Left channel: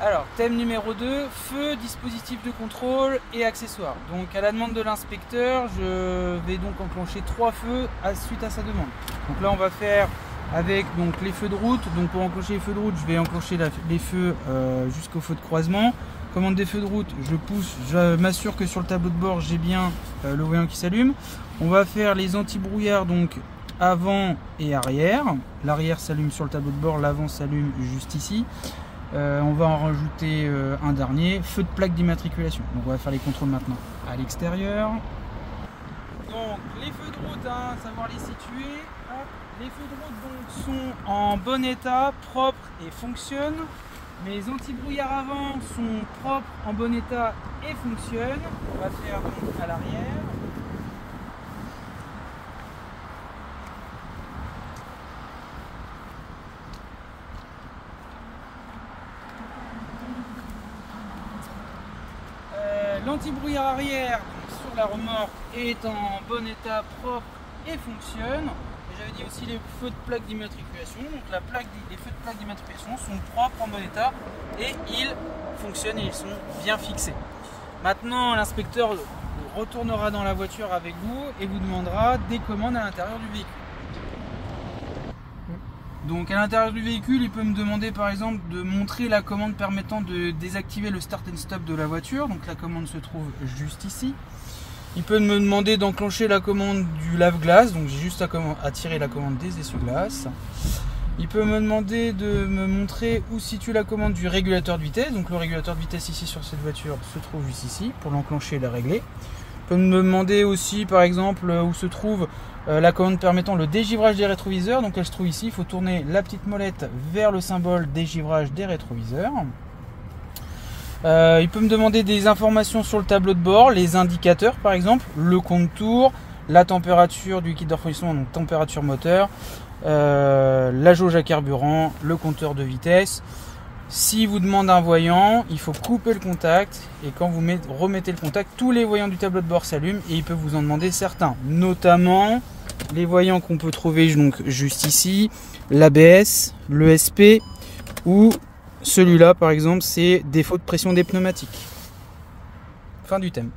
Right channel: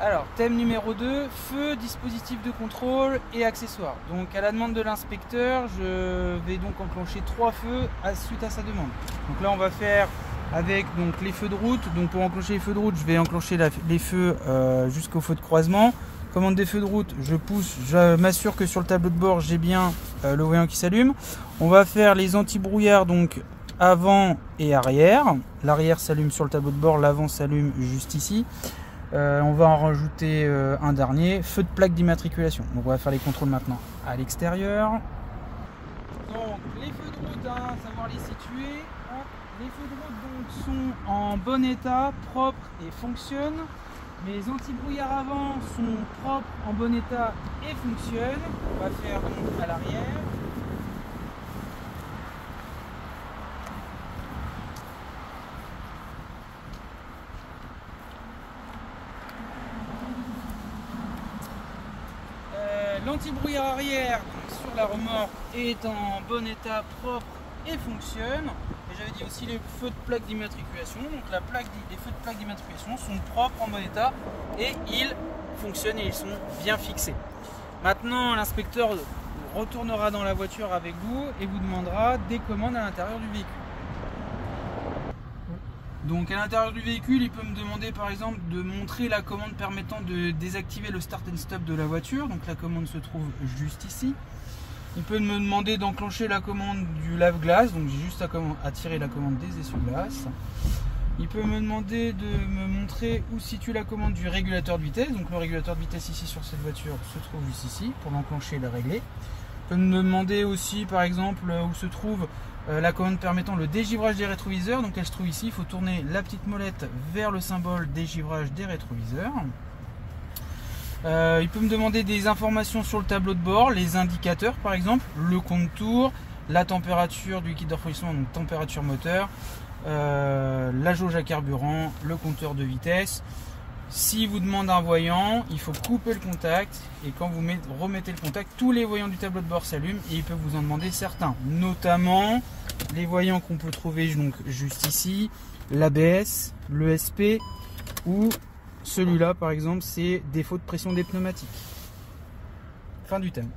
Alors, thème numéro 2, feu, dispositif de contrôle et accessoires. Donc, à la demande de l'inspecteur, je vais donc enclencher 3 feux suite à sa demande. Donc là, on va faire avec donc, les feux de route. Donc, pour enclencher les feux de route, je vais enclencher les feux jusqu'au feu de croisement. Commande des feux de route, je pousse, je m'assure que sur le tableau de bord, j'ai bien le voyant qui s'allume. On va faire les anti-brouillards, donc avant et arrière. L'arrière s'allume sur le tableau de bord, l'avant s'allume juste ici. On va en rajouter un dernier, feu de plaque d'immatriculation. Donc on va faire les contrôles maintenant à l'extérieur. Donc les feux de route, savoir les situer. Hop. Les feux de route donc, sont en bon état, propres et fonctionnent. Mes anti-brouillards avant sont propres, en bon état et fonctionnent. On va faire donc à l'arrière. L'anti-brouillard arrière sur la remorque est en bon état, propre et fonctionne. Et j'avais dit aussi les feux de plaque d'immatriculation. Donc les feux de plaque d'immatriculation sont propres, en bon état et ils fonctionnent et ils sont bien fixés. Maintenant, l'inspecteur retournera dans la voiture avec vous et vous demandera des commandes à l'intérieur du véhicule. Donc à l'intérieur du véhicule, il peut me demander par exemple de montrer la commande permettant de désactiver le start and stop de la voiture. Donc la commande se trouve juste ici. Il peut me demander d'enclencher la commande du lave-glace. Donc j'ai juste à tirer la commande des essuie-glaces. Il peut me demander de me montrer où se situe la commande du régulateur de vitesse. Donc le régulateur de vitesse ici sur cette voiture se trouve juste ici pour l'enclencher et la régler. Il peut me demander aussi par exemple où se trouve la commande permettant le dégivrage des rétroviseurs. Donc elle se trouve ici, il faut tourner la petite molette vers le symbole dégivrage des rétroviseurs. Il peut me demander des informations sur le tableau de bord, les indicateurs par exemple, le compte-tours, la température du liquide de refroidissement, donc température moteur, la jauge à carburant, le compteur de vitesse. Si vous demande un voyant, il faut couper le contact et quand vous remettez le contact, tous les voyants du tableau de bord s'allument et il peut vous en demander certains, notamment les voyants qu'on peut trouver donc juste ici, l'ABS, l'ESP ou celui-là par exemple, c'est défaut de pression des pneumatiques. Fin du thème.